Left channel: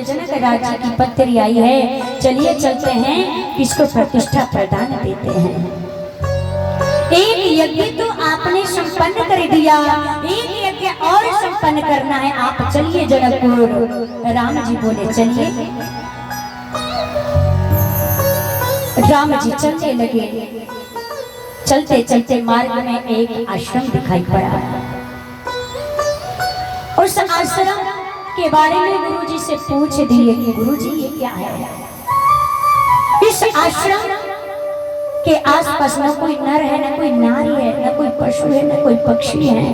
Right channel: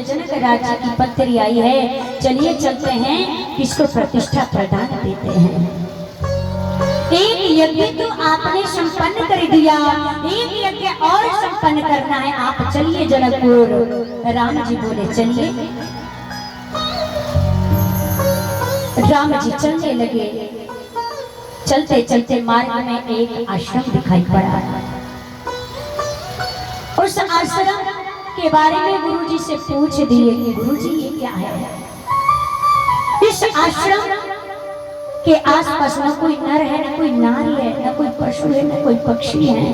से जनक राज्य की पत्री आई है। चलिए चलते हैं, किसको प्रतिष्ठा प्रदान देते हैं। एक यज्ञ तो आपने संपन्न कर दिया, एक यज्ञ और संपन्न करना है, आप चलिए जनकपुर। राम जी बोले चलिए। राम जी चलने लगे। चलते चलते मार्ग में एक आश्रम दिखाई पड़ा। उस आश्रम के बारे में गुरुजी से पूछ दिए कि गुरुजी ये क्या है। इस आश्रम के आसपास न कोई नर है, न कोई नारी है, न कोई पशु है, न कोई पक्षी है,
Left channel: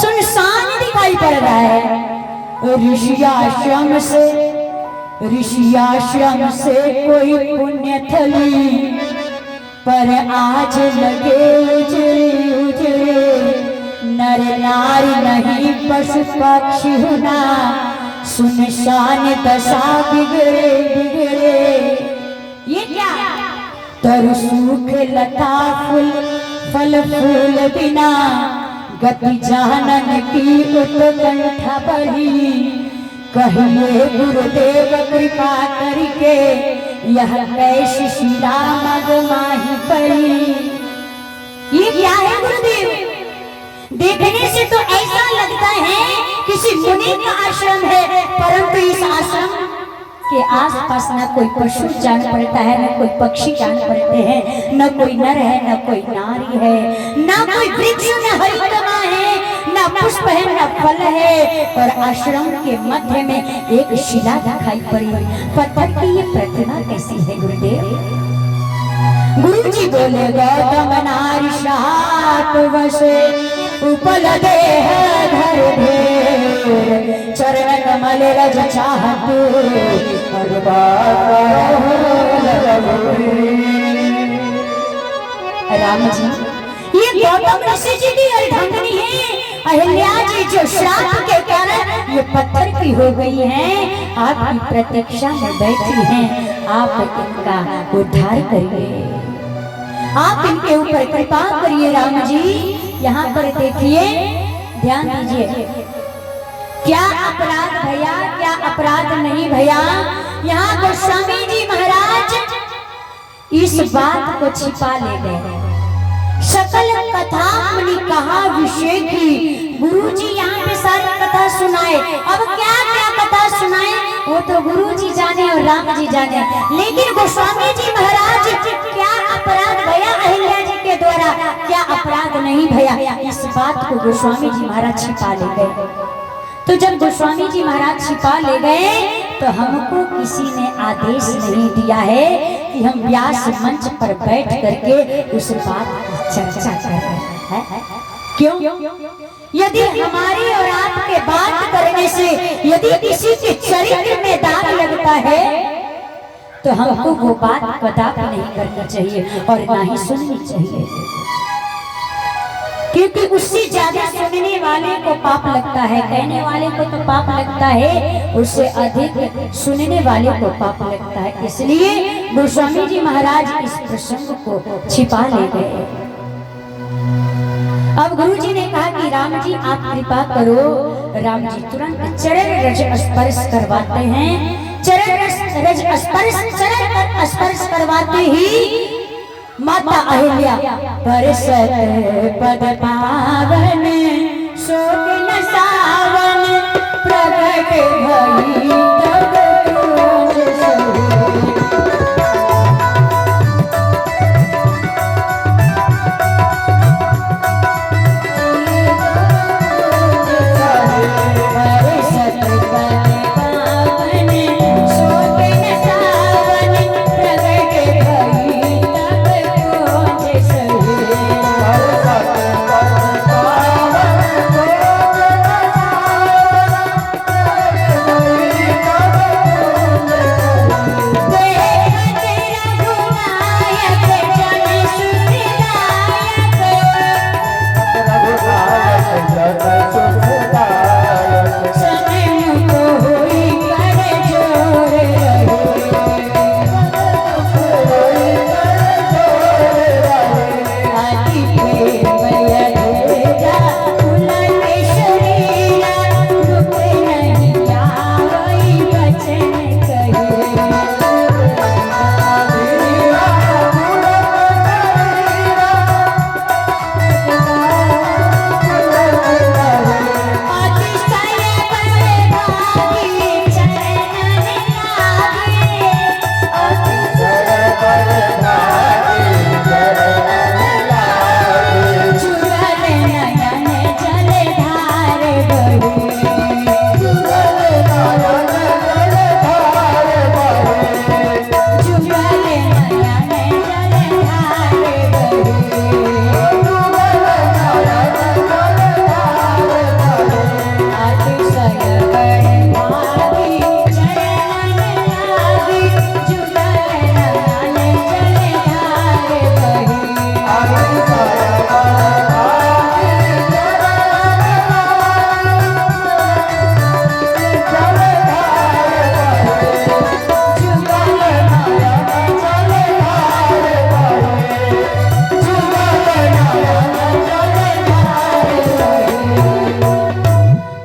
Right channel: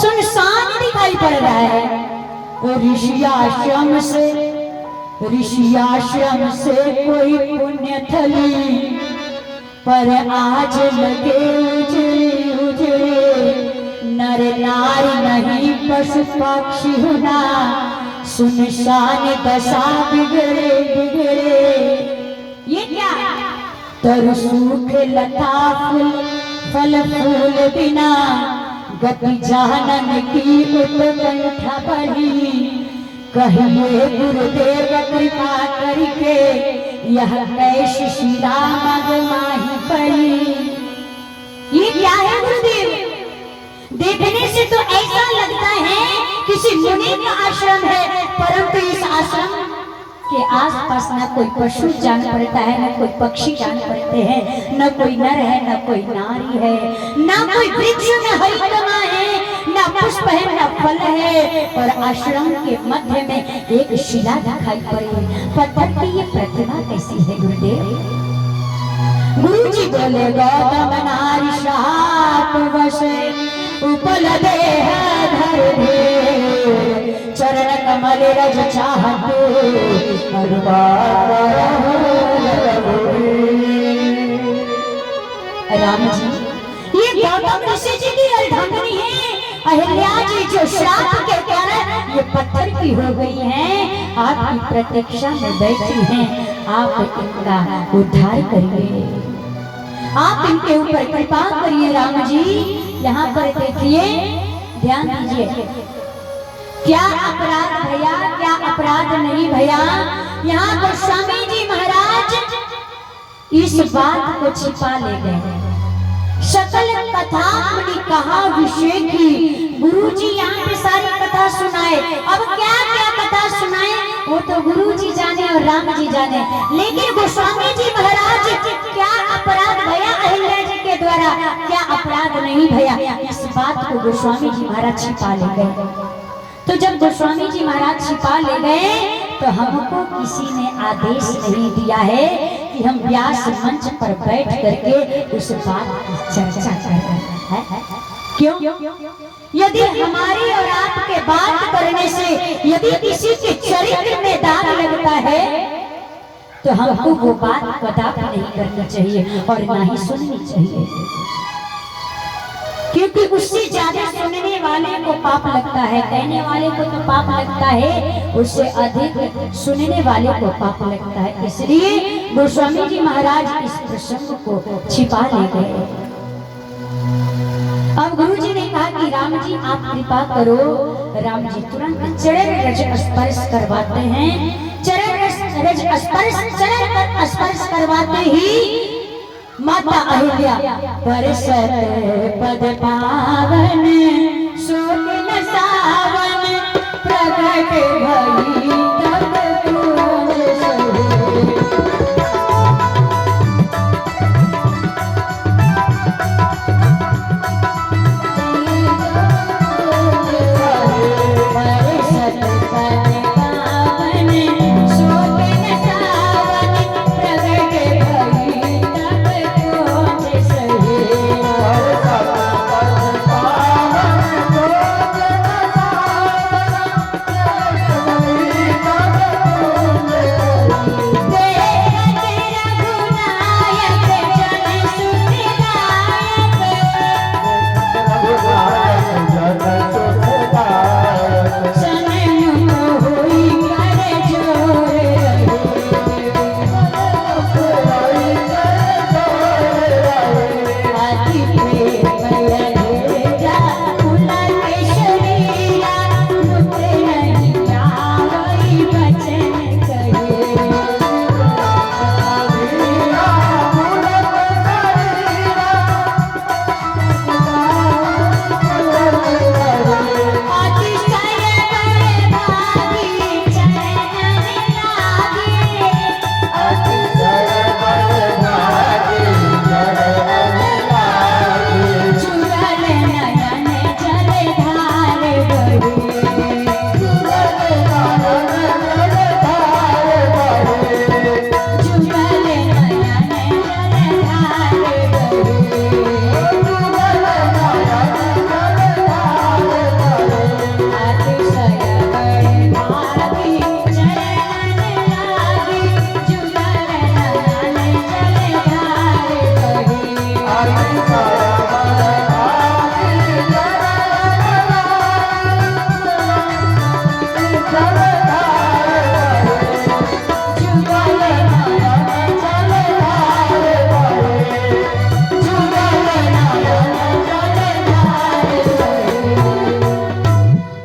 सुनसान दिखाई पड़ रहा है। ऋषियाश्रम से कोई पुण्य थली, पर आज लगे उजड़े उजड़े, नर नारी नहीं पशु पक्षी होना, सुनसान दशा बिगड़े बिगड़े। ये क्या तरु सूख लता फल फूल बिना, गति जानन की उत्कंठा बढ़ी, कहिए गुरुदेव कृपा करके, यह कैसी शिला मगमाही पड़ी। ये क्या है गुरुदेव? देखने से तो ऐसा लगता है किसी मुनि का आश्रम है, परंतु इस आश्रम के आसपास न कोई पशु जान पड़ता है, न कोई पक्षी जान पड़ते हैं, न कोई नर है, न कोई नारी है, न कोई वृक्ष में हरितमा है, न पुष्प है, न फल है, और आश्रम के मध्य में एक शिला दिखाई पड़ी। पत्थर की ये प्रतिमा कैसी है गुरुदेव? गुरुजी बोले गौतम नारी सात वसे, उपल देह धर दे, चरण कमल रज चाहते, राम जी ये गौतम ऋषि जी की अर्धांगिनी है। अहिल्या जी जो श्राप के कारण ये पत्थर की हो गई हैं, आपकी प्रतीक्षा में बैठी हैं, आप इनका उद्धार करिए, आप इनके ऊपर कृपा करिए। राम जी यहाँ पर देखिए, ध्यान दीजिए, क्या अपराध भैया, क्या अपराध नहीं भैया। यहाँ गोस्वामी जी महाराज इस बात को छिपा ले गए। सकल कथा अपनी कहा विषय की, गुरु जी यहाँ पे सारी कथा सुनाए। अब क्या क्या कथा सुनाए वो तो गुरु जी जाने और राम जी जाने, लेकिन गोस्वामी जी महाराज क्या अपराध भैया अहिल्या जी के द्वारा, क्या अपराध नहीं भैया, इस बात को गोस्वामी जी महाराज छिपा ले गए। तो जब गोस्वामी जी महाराज छिपा ले गए तो हमको किसी ने आदेश नहीं दिया है कि हम व्यास मंच पर बैठ करके उस बात की चर्चा कर रहे हैं। क्यों? यदि हमारी और आपके बात करने से यदि किसी के चरित्र में दाग लगता है तो हमको वो बात कदापि नहीं करनी चाहिए और ना ही सुननी चाहिए, क्योंकि उससे ज्यादा सुनने वाले को पाप लगता है। कहने वाले को तो पाप लगता है, उससे अधिक सुनने वाले को पाप लगता है। इसलिए गोस्वामी जी महाराज इस प्रसंग को छिपा ले गए। अब गुरु जी ने कहा कि राम जी आप कृपा करो। राम जी तुरंत चरण रज स्पर्श करवाते हैं। चरण रज स्पर्श करवाते ही माता अहिल्या परसत पद पावन, शोक न सावन, प्रगट भई तब तुझ सोई।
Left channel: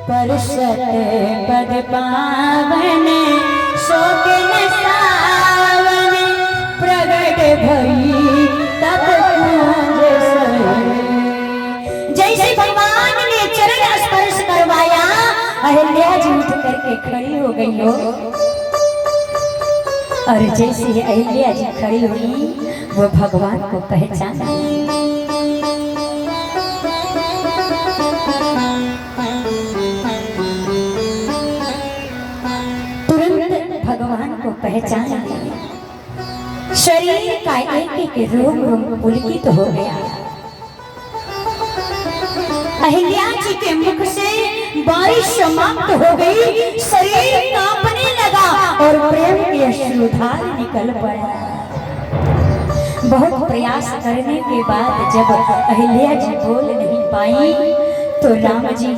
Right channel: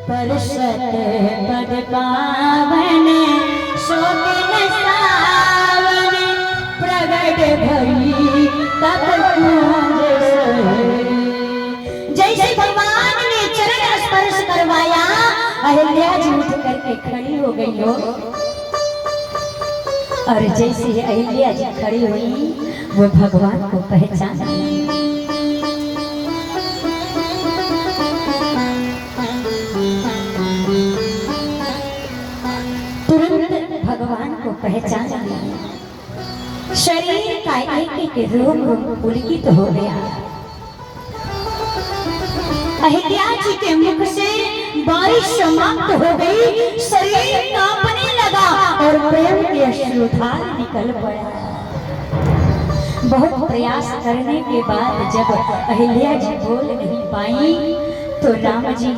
परसत पद पावन शोभिन सावन प्रगट भई तब कुंज सोए। जैसे भगवान ने चरण स्पर्श करवाया, अहिल्या जी उठ करके खड़ी हो गई हो। और जैसे ही अहिल्या जी खड़ी हुई, वो भगवान को पहचाना। तुरंत भगवान को पहचान लिया। शरीर का एक एक रोम रोम पुलकित हो गया। अहिल्या जी के मुख से बारिश समाप्त हो गई, शरीर कांपने लगा और प्रेम की अश्रुधार निकल पड़ा। बहुत प्रयास करने के बाद जब अहिल्या जी बोल नहीं पाई, तो राम जी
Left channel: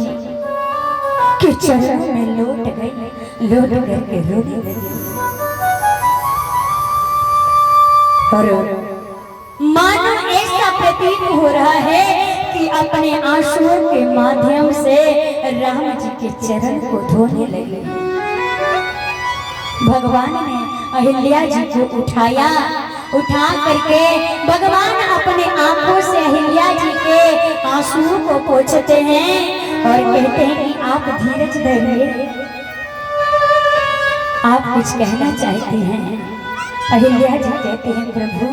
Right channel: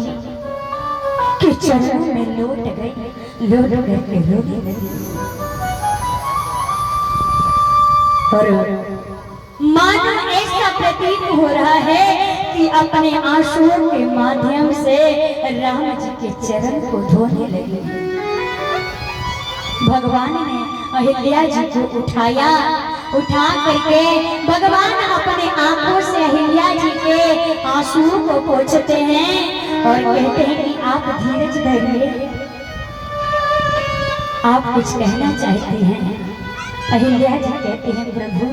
के चरणों में लौट गई, लौट करके रोने लगी। और मानो ऐसा प्रतीत हो रहा है कि अपने आंसुओं के माध्यम से राम जी के चरण को धोने लगे। भगवान ने अहिल्या जी को उठाया, उठा करके भगवान अपने आंखों से अहिल्या जी के आंसुओं को पोंछते हैं और कहते हैं कि आप धीरज धरिए, आप कुछ कहना चाहते हैं। अहिल्या जी कहते हैं प्रभु,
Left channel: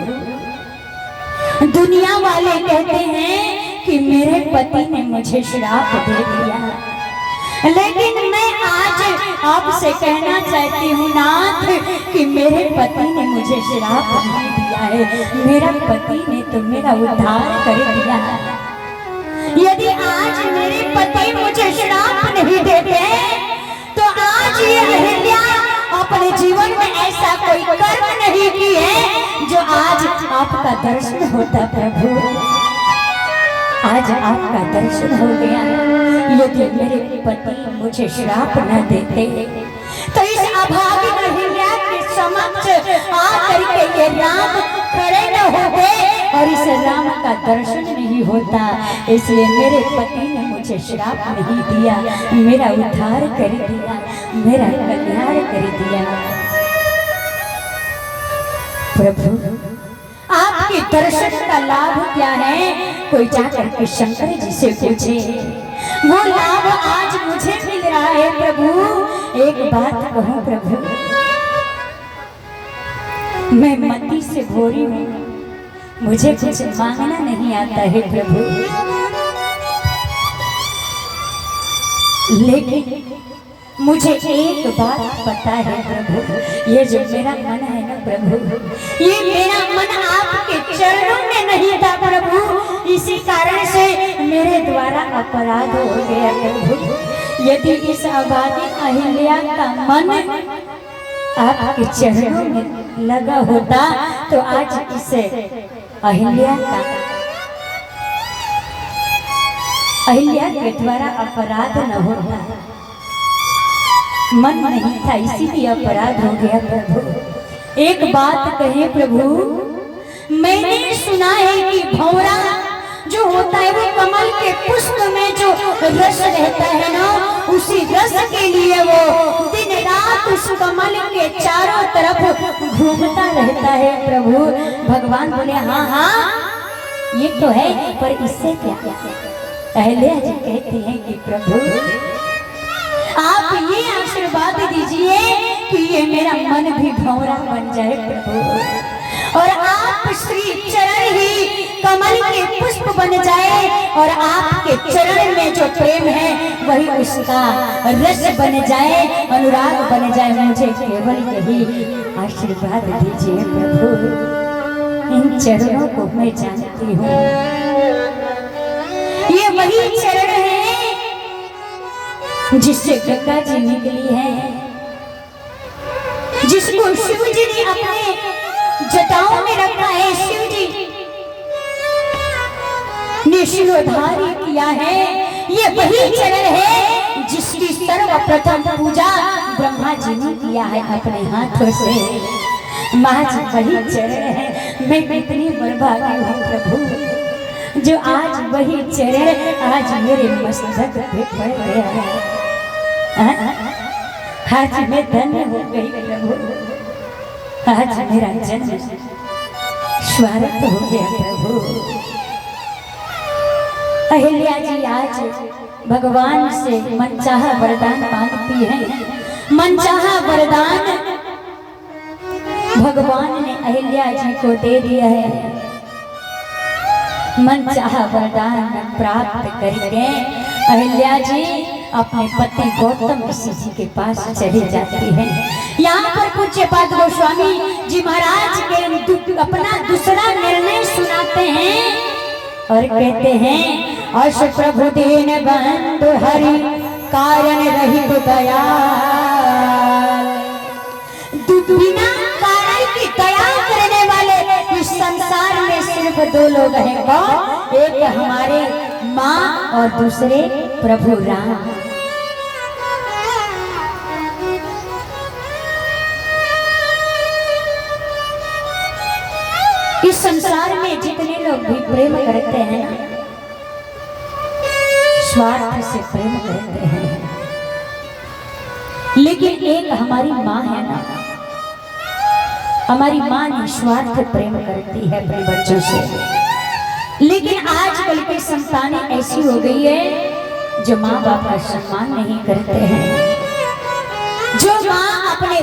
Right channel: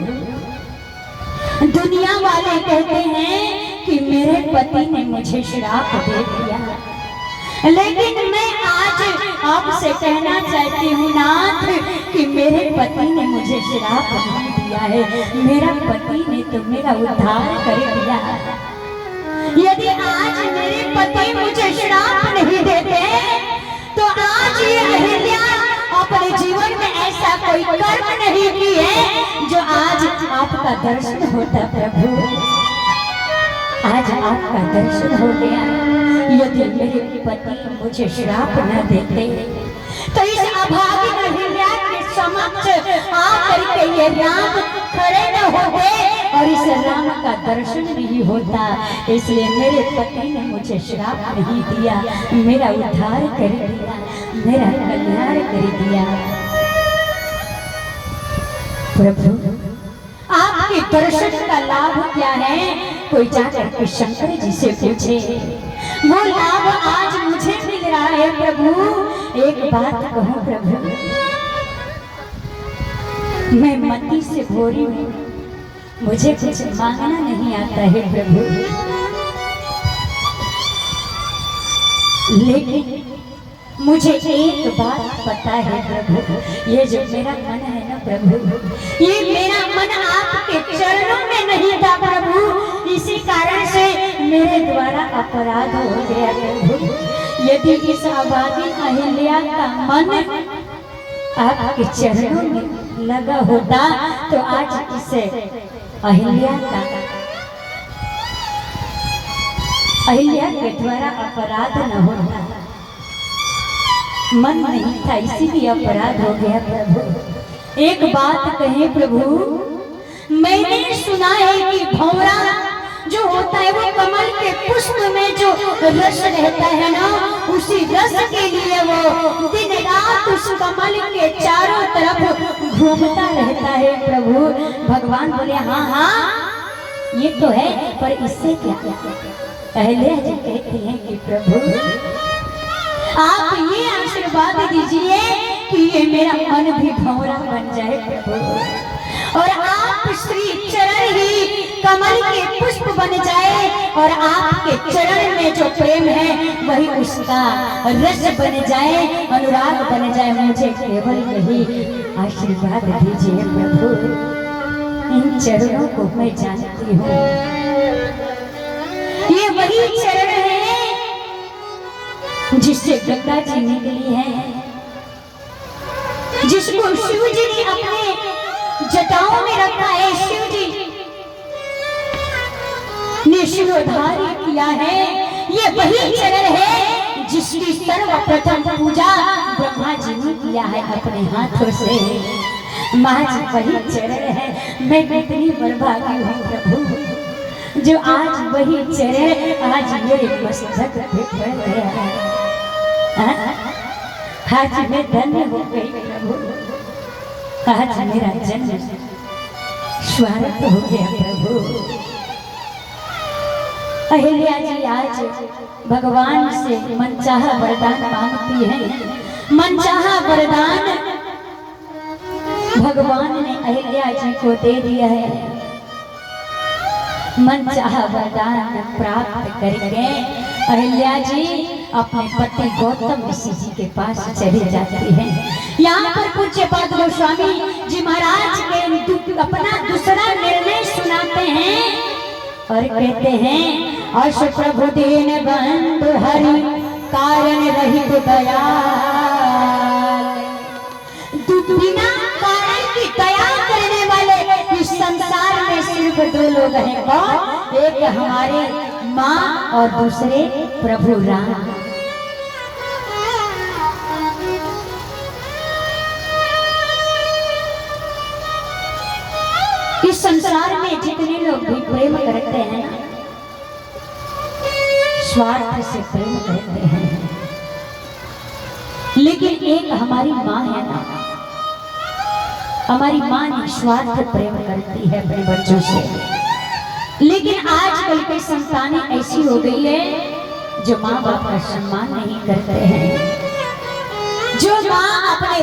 दुनिया वाले कहते हैं कि मेरे पति ने मुझे श्राप दे दिया, लेकिन मैं आज आपसे कहना चाहती हूँ नाथ कि मेरे पति ने मुझे श्राप नहीं दिया है, मेरा पति ने तो मेरा उद्धार कर दिया। यदि आज मेरे पति मुझे श्राप नहीं देते तो आज ये अहिल्या अपने जीवन में ऐसा कोई कर्म नहीं की है जो आज आपका दर्शन होता। प्रभु, आज आपका दर्शन हो गया। यदि मेरे पति मुझे श्राप न देते तो इस अभागी अहिल्या के समक्ष आकर के ये राम खड़े न होते और इस राम का दर्शन नहीं होता। इसलिए मेरे पति ने मुझे श्राप नहीं दिया, मेरा उद्धार कर दिया, मेरा कल्याण कर दिया। प्रभु, आपके दर्शन का लाभ क्या है? कोई जाकर के शंकर जी से पूछे, वो लाभ आज मुझे मिल रहा है। प्रभु, एक बात कहूं प्रभु, मैं मती से भोरी हूं, मुझे कुछ मांगना नहीं आता है प्रभु, लेकिन मुझे एक बात पता है प्रभु, ये जो मेरा मन है ना प्रभु, ये मेरा मन आपके चरणों में नहीं था प्रभु, इसी कारण से मेरे द्वारा अपराध हो गया प्रभु। यदि इस अभागी अहिल्या का मन आपके चरणों में लगा होता तो आज इसे अहिल्या के द्वारा अपराध न होता। मन नहीं था, इसीलिए अपराध हो गया प्रभु। एक बात कहे प्रभु, मैंने सुना है कि भंवरा जो होता है वो कमल के पुष्प में जो रस रहता है ना, उसी रस के लिए वो दिन रात उस कमल के चारों तरफ घूमता रहता है प्रभु। भगवान बोले हाँ हाँ ये तो है, पर इससे क्या? अहिल्या जी कहते हैं कि प्रभु आप ये आशीर्वाद दीजिए कि ये मेरा मन भी भंवरा बन जाए प्रभु, और आप श्री चरण ही कमल के पुष्प बन जाए और आपके चरण में जो प्रेम है वही उसका रस बन जाए, अनुराग बन जाए। मुझे केवल यही आशीर्वाद दीजिए प्रभु। इन चरणों को मैं जानती हूँ, ये वही चरण है जिससे गंगा जी निकली है, जिसको शिव जी ने अपने जटाओं में रखा है। शिव जी ने शिरोधारी किया है। ये वही चरण है जिसकी सर्वप्रथम पूजा ब्रह्मा जी ने किया है अपने हाथों से। माँ जी वही चरण है। मैं कितनी बर्बादी हूँ प्रभु, जो आज वही चरण आज मेरे मस्तक पे पड़ गया है। आज मैं धन्य हो गई प्रभु, आज मेरा जन्म स्वार्थ हो गया प्रभु। अहिल्या जी आज भगवान से मनचाहा वरदान मांगती हैं। मनचाहा वरदान भगवान ने अहिल्या जी को दे दिया है। मनचाहा वरदान प्राप्त करके अहिल्या जी अपने पति गौतम ऋषि जी के पास चली जाती है। यहाँ पर पूज्यपाद गोस्वामी जी महाराज के अपना दूसरा निर्णय सुनाते हैं और कहते हैं, अश प्रभु दीन बंधु हरि कारण रहित दया, बिना कारण की दया करने वाले इस संसार में सिर्फ दो लोग हैं। कौन? एक हमारे माँ और दूसरे प्रभु राम। इस संसार में जितने लोग भी प्रेम करते हैं ना, स्वार्थ से प्रेम करते हैं, लेकिन एक हमारी माँ है ना, हमारी माँ निस्वार्थ प्रेम करती है अपने बच्चों से। लेकिन आजकल की संतानें ऐसी हो गई है जो माँ बाप का सम्मान नहीं करते हैं, जो माँ अपने